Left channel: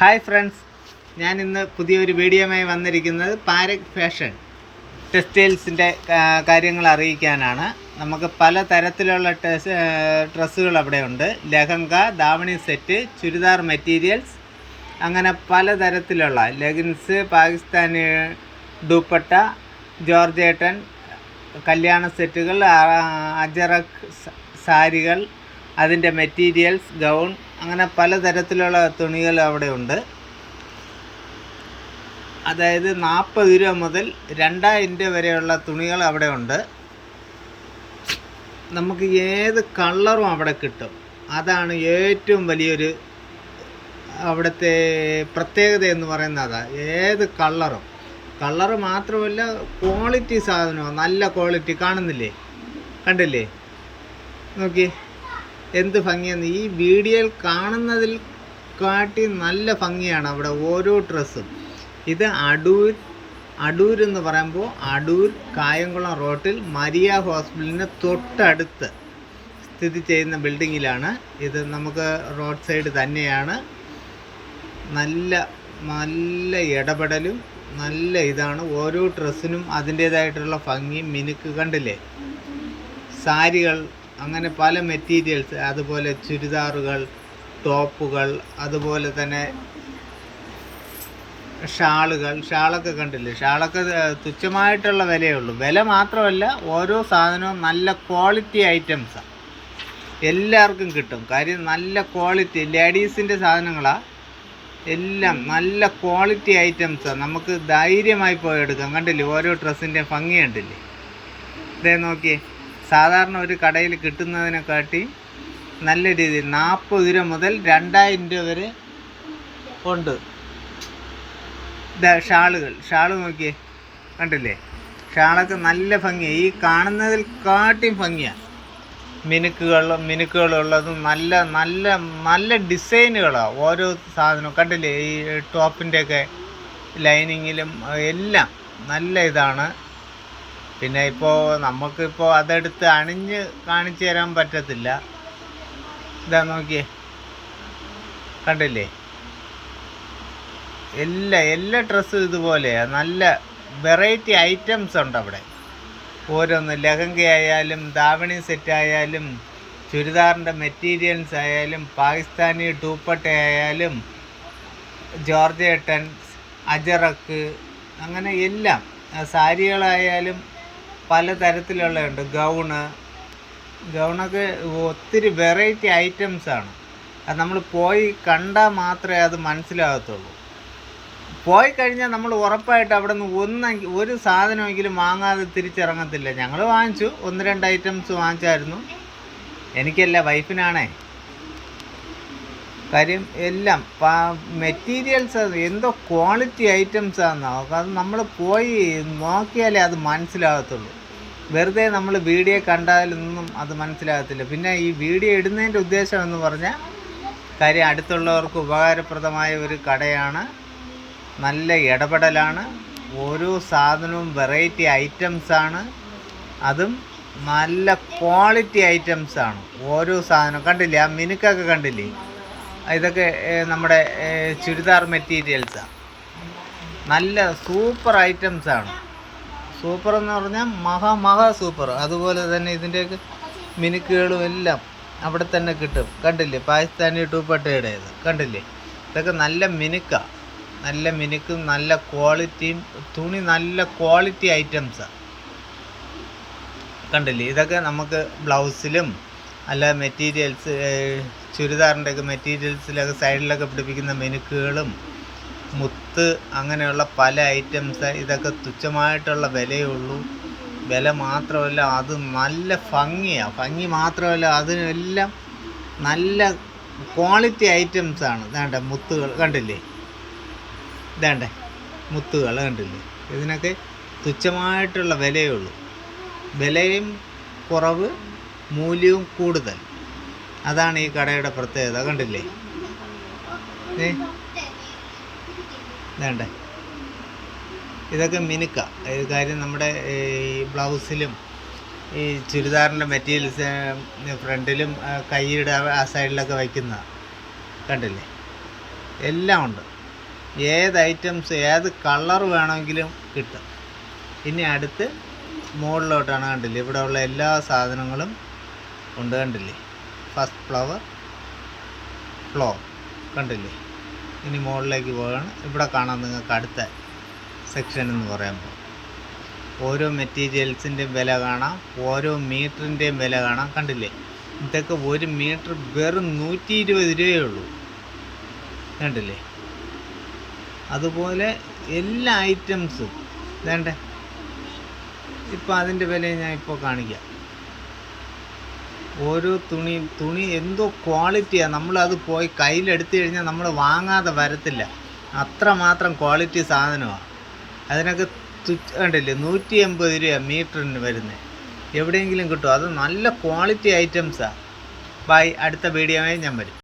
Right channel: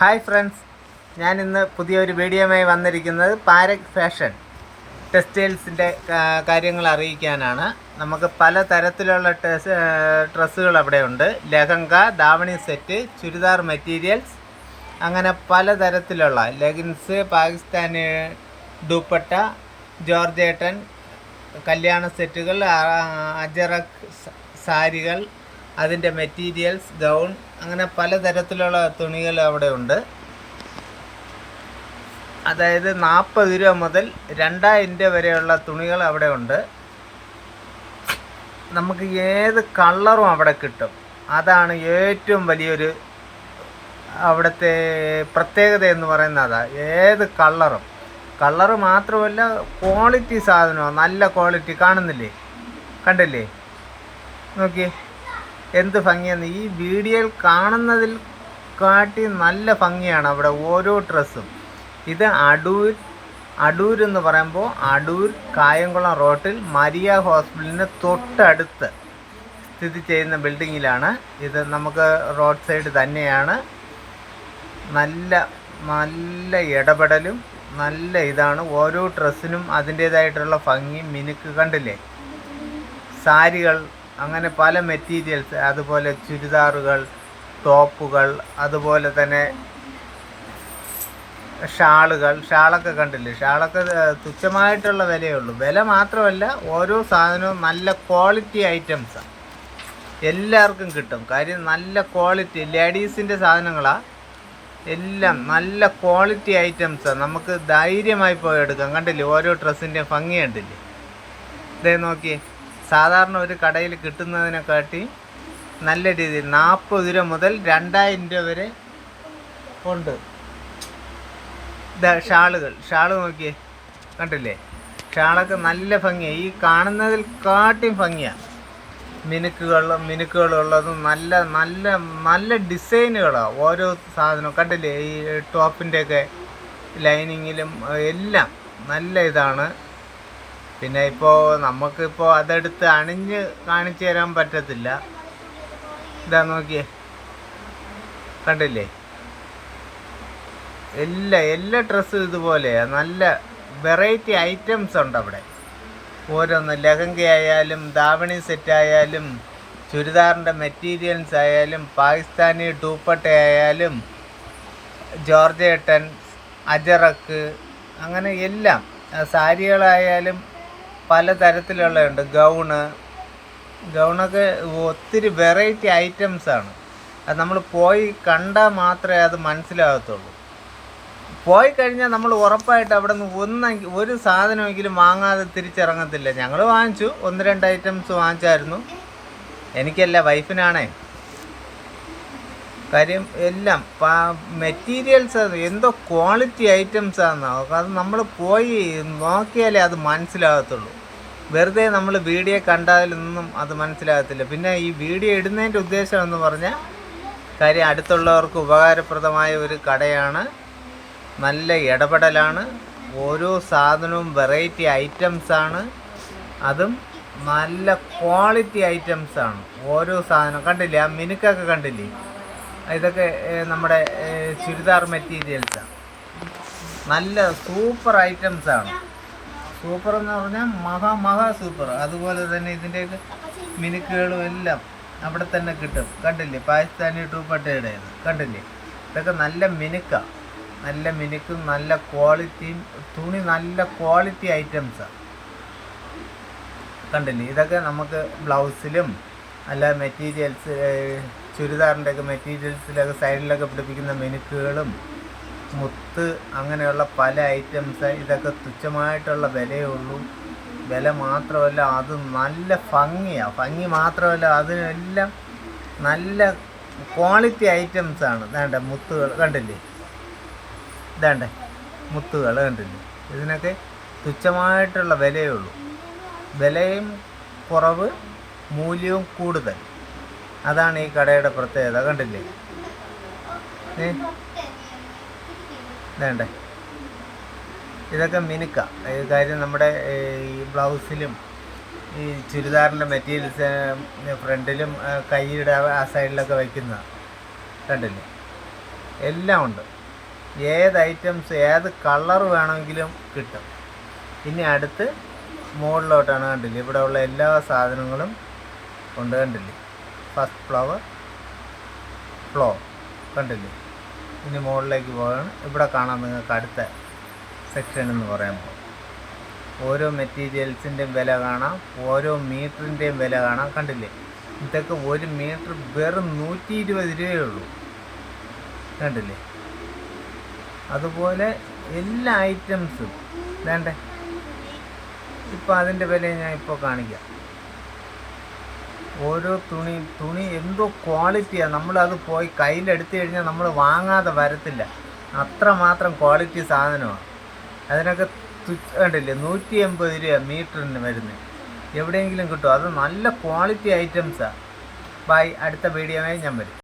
Hi friends ഞാൻ ഇന്ന് പുതിയൊരു വീഡിയോയുമായി വന്നിരിക്കുന്നത് പാരക് ഫാഷൻ ടെക്സ്റ്റൈൽസിന്റെ കാര്യങ്ങൾ അറിയിക്കാനാണ്. നമുക്ക് പല തരത്തിലുള്ള ഡ്രസ്സുകൾ അവിടെ ഉണ്ട്. ലഹങ്ക ദാവണി സെറ്റ് ചുരിദാർ മെറ്റീരിയൽസ് അങ്ങനെ പല തരത്തിലുള്ള ലെഗിൻസ് പാകിസ്ഥാനി ദുപ്പട്ട ജോർജേട്ടൻ കല്യാണ സെറ്റുകൾ അജറക് സാരികൾ അതിന്റെ മെറ്റീരിയൽസ് ഗൗൺ അങ്ങനെ പലതരത്തിലുള്ള തുണികൾ അവിടെ ഉണ്ട്. അതായത് നാൽപ്പത് രൂപ മുതൽ രണ്ടായിരം രൂപ വരെയുള്ള തുണികൾ അവിടെ ഉണ്ട്. നമുക്ക് ഏത് കളറും അവിടെ കിട്ടും? അതാണ് ഏറ്റവും വലിയൊരു അവിടുത്തെ പ്രത്യേകത എന്ന് പറയുന്നത് അതാ. ഏത് കളറും കളർ മാത്രമല്ല ക്വാളിറ്റി സാധനമാണ് നല്ല ക്വാളിറ്റി കാണുന്നില്ലേ? കണ്ടില്ലേ? നോക്കി എന്ത് ഭംഗിയാണ് ഈ വീഡിയോയിൽ കാണുന്നതിൽ കാട്ടി നല്ല ഭംഗിയാണ് അവിടെ ഓരോ ഡ്രസ്സും. ഇത് അടൂർ അടൂർ എന്ന് പറയുമ്പോൾ അടൂർ കായംകുളം റോട്ടിൽ മരിയ ഹോസ്പിറ്റലിന് തൊട്ടടുത്ത് സ്ഥിതി ചെയ്യുന്ന ബിൽഡിങ്ങിലാണ്. ഇത് നമുക്ക് റോഡ് സൈഡ് തന്നെയാണ്. നല്ല നല്ല ഇടപെടലും നല്ല ഇതാണ്. ഓരോ ഡ്രസ്സിനും അതിന്റേതായിട്ടുള്ള ഭംഗി മിനുക്ക് കണ്ടില്ലേ? സാരികൾ അങ്ങനെ പല മെറ്റീരിയൽസ് അതുപോലെ ചുരിദാറുകൾ ടോപ്പുകൾ അതുപോലെ തന്നെ ഷാളുകൾ. ഷാളൊക്കെ കണ്ടില്ലേ? ഷാളൊക്കെ തുച്ഛമായിട്ടുള്ള വിലയേ ഉള്ളൂ. വില മാത്രമല്ല ഓരോ സാധനവും നല്ല ക്വാളിറ്റി ഐറ്റംസാണ് എല്ലാവർക്കും കിട്ടും. കാര്യം നല്ല ക്വാളിറ്റി ലേഡീസിന്റെ സാധനങ്ങളാണ് എല്ലാം നല്ല ക്വാളിറ്റി ഐറ്റംസാണ് നമുക്ക് ധൈര്യമായി പോയി എടുക്കാം. കണ്ടില്ലേ? ഓരോ ഡ്രസ്സിന്റെ ഭംഗി കണ്ടില്ലേ? ഇതേ നോക്കിയേ. സാധാരണ ഒരു കടയിൽ കിട്ടുന്നതിനെക്കാട്ടി നല്ല രീതിയിൽ നാൽപ്പത് രൂപ മുതൽ രണ്ടായിരം രൂപ വരെ ഉണ്ട്. ഷാളുകൾ. ഷാൾ നോക്കിയേ. കണ്ടില്ലേ? ഷാളൊക്കെ നല്ല ഭംഗിയാണ് ഈ കാണുന്നതിൽ കാട്ടിയും ഭംഗിയാണ് മിനുക്കുകൾ മിനുക്കുകളുള്ളതും നല്ല നല്ല നല്ല ഡിസൈനുകളാണ് ഓരോ സാധനവും. കണ്ടില്ലേ? ഈ ടോപ്പിന്റെയൊക്കെ ലൈനിങ്ങിലും എല്ലാം നല്ല ഇതാണ്. പിന്നെ ഇപ്പോൾ നമുക്കിപ്പോൾ അതെടുത്ത് അണിഞ്ഞ് കാണിച്ചു തരാൻ പറ്റത്തില്ല. ഇതാ നോക്കിയേ. കണ്ടില്ലേ? എല്ലാ എല്ലാ ഡ്രസ്സും ഇതുപോലെയാണ് നല്ല വെറൈറ്റി ഐറ്റംസ് ഉണ്ട് അവിടെ ഓരോന്ന് ലഹങ്ക ആയാലും ദാവണി സെറ്റ് ആയാലും ചുരിദാറിന്റെ മെറ്റീരിയൽസ് ആയാലും പാകിസ്ഥാനി ടൂപ്പട്ടയായാലും ജോർജേട്ടൻ അജറക്ക് അങ്ങനെ എല്ലാം. സാരികളായാലും പല തരത്തിലുള്ളതുണ്ട് ഗൗണ് ഗൗണൊക്കെ ഒത്തിരി വെറൈറ്റി ഐറ്റംസ് ആണ്. അത് നമ്മൾ പോയി കണ്ടാൽ മാത്രമേ അത് മനസ്സിലാകത്തുള്ളൂ. പോയി കഴിഞ്ഞാൽ നമ്മൾ ഉറപ്പായിട്ട് അവിടെ നിന്ന് ഒന്ന് ഒരു സാധനമെങ്കിലും വാങ്ങാതെ തിരിച്ചിറങ്ങത്തില്ല. ഞങ്ങൾ വാങ്ങിച്ചു. ഒന്ന് രണ്ട് ഐറ്റംസ് വാങ്ങിച്ചായിരുന്നു. എനിക്കല്ല വൈഫിനാണേ കാര്യം എല്ലാം മെറ്റീരിയൽസ് എന്തോ ക്വാളിറ്റി ഐറ്റംസ് ആണ് അത് നമ്മൾ പോയി നോക്കിയാലേ അത് മനസ്സിലാകത്തുള്ളൂ. വെറുതെ നമ്മൾ വീഡിയോ കണ്ടാലൊന്നും അത് മനസ്സിലാകത്തില്ല. പിന്നെ ഈ വീഡിയോ ഇടുന്നതിന്റെ ഉദ്ദേശം എന്ന് പറഞ്ഞാൽ കാര്യം അടുത്തുള്ളവർക്ക് ഉപകാരപ്രദമായ ഒരു കടയാണ്. നല്ല ഇടപെടലാണ്. ഓരോ സാധനവും വെറൈറ്റി ഐറ്റംസാണ് അതും നല്ല ക്വാളിറ്റി ഐറ്റംസാണ് ഓരോ സാധനം കണ്ടില്ലേ? ആ മിനുക്കൊക്കെ കണ്ടില്ലേ? ഇതൊക്കെ നമ്മുടെ ചുരിദാർ മെറ്റീരിയൽസാണ് നല്ല സൂപ്പർ ഐറ്റംസാണ്. സൂപ്പർ എന്ന് പറഞ്ഞാൽ മഹാ മഹാ സൂപ്പർ. അതുപോലെ തന്നെ ഇതിന്റെയൊക്കെ മിനുക്കുകളും എല്ലാം അവിടെ തന്നെ കിട്ടും. കണ്ടില്ലേ? പാകിസ്ഥാനി ടൂപ്പട്ടയുടേത്. കണ്ടില്ലേ? ഇതൊക്കെ നല്ല മിനുക്കാണ് നല്ല മിനുക്കും നല്ല ക്വാളിറ്റിയും തുണി നല്ല ക്വാളിറ്റി ഐറ്റംസാണ് കണ്ടില്ലേ? ഇതൊക്കെ നമുക്ക് ബ്ലൗസിലും അല്ല മെറ്റീരിയൽസ് ചുരിദാറിന്റെ ഒക്കെ മെറ്റീരിയൽസിലൊക്കെ സൈഡിലൊക്കെ പിടിപ്പിക്കുന്ന മെനുക്കുകളും മുത്ത് അങ്ങനെയുള്ള പല ഐറ്റംസ് ഇതൊക്കെ തുച്ഛമായിട്ടുള്ള വിലയേ ഉള്ളൂ. വില മാത്രമല്ല അത് നല്ല ഭംഗിയാണ് ഭംഗി മാത്രമല്ല അതിനെല്ലാം നല്ല ക്വാളിറ്റി ഐറ്റംസാണ് വേണ്ട മുത്തുകൾ കണ്ടില്ലേ? ഇതാണ്ടേ മുത്തുകൾ കണ്ടില്ലേ? ഇതിനൊക്കെ തുച്ഛമായിട്ടുള്ള വിലയേ ഉള്ളൂ. വിലയും കുറവ് മൂല്യവും കൂടുതൽ. അതാണ് ഈ കടയുടെ പ്രത്യേകത കണ്ടില്ലേ? ഏ? വേണ്ടേ ഇതൊക്കെ മിനുക്ക. ഈ കാര്യം നമ്മുടെ ഈ ബ്ലൗസിലും ഈ ചുരിദാറിന്റെ മെറ്റീരിയൽസ് ഫ്രണ്ടിലും കൈയുടെ ആ സൈഡിലൊക്കെ വയ്ക്കുന്ന കണ്ടില്ലേ? എല്ലാം ഉണ്ട്. ഏത് ഐറ്റംസ് ഏത് കളർ വേണമെങ്കിലും കിട്ടും. ഇനി അടുത്ത് മുകളിലോട്ടാണ് കണ്ടില്ലേ? ഇവിടെ ഉള്ള എല്ലാ സാധനങ്ങളും ഉണ്ട് കണ്ടില്ലേ? ഫസ്റ്റ് ഫ്ലവർ ഫ്ലോ കണ്ടില്ലേ? ഇനി മുകളിലേക്ക് പോവുകയാണ്. ഇവിടെ കാണാം നിങ്ങൾക്ക് അടുത്ത സെക്ഷൻ എന്ന് പറയുമ്പോൾ ഓരോ മെറ്റീരിയൽസിന്റെയും വില കാണാം. ഓരോ മീറ്ററിന്റെയും വില കാണാം. കണ്ടില്ലേ? ഇതൊക്കെ ഒരു മീറ്റർ വെറും നൂറ്റി ഇരുപത് രൂപയേ ഉള്ളൂ. കണ്ടില്ലേ? അതുപോലെ എല്ലാ ഐറ്റംസും വേണ്ടേ ഇപ്പോൾ അതിന്റെ വില ഞാൻ ഇപ്പോൾ കാണിക്കാം. ഓരോ തുണി തുണി എന്തോ ക്വാളിറ്റിയാണ് നമ്മളത് പോയി കയ്യിലെടുത്തു കഴിഞ്ഞാൽ നമ്മൾ വാങ്ങാതെ വരത്തില്ല. അത്രമാത്രം ക്വാളിറ്റി സാധനമാണ് അതിനൊക്കെ കണ്ടില്ലേ നൂറ്റി എൺപത് രൂപ മീറ്ററിന് വരുന്നത് എവിടെയെങ്കിലും കിട്ടും. അത് നല്ല ക്വാളിറ്റി ഐറ്റംസാണ് ബൈ അടുത്ത വീഡിയോയിൽ ഞാൻ വരും.